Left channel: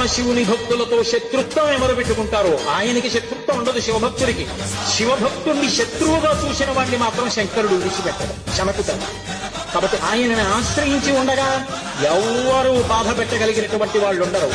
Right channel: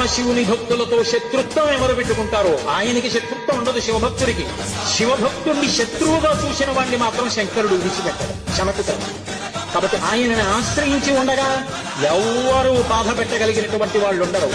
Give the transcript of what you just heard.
పరమశివుని భక్తులతో శత్రుత్వం ఎవరు పెట్టుకుంటారో ఆయనకి శత్రుత్వం ఉండదు శివభక్తుడికి. శివభక్తుడిని శత్రువుగా చూసిన వాడిని మాత్రం శంకరుడు విడిచిపెట్టాడు, శమకుతాడు. కాబట్టి ఆయనని ఆశ్రయించి ఉండగా ఎవ్వరూ బాధ పెట్టగలిగినటువంటి వాళ్ళు ఉండరు.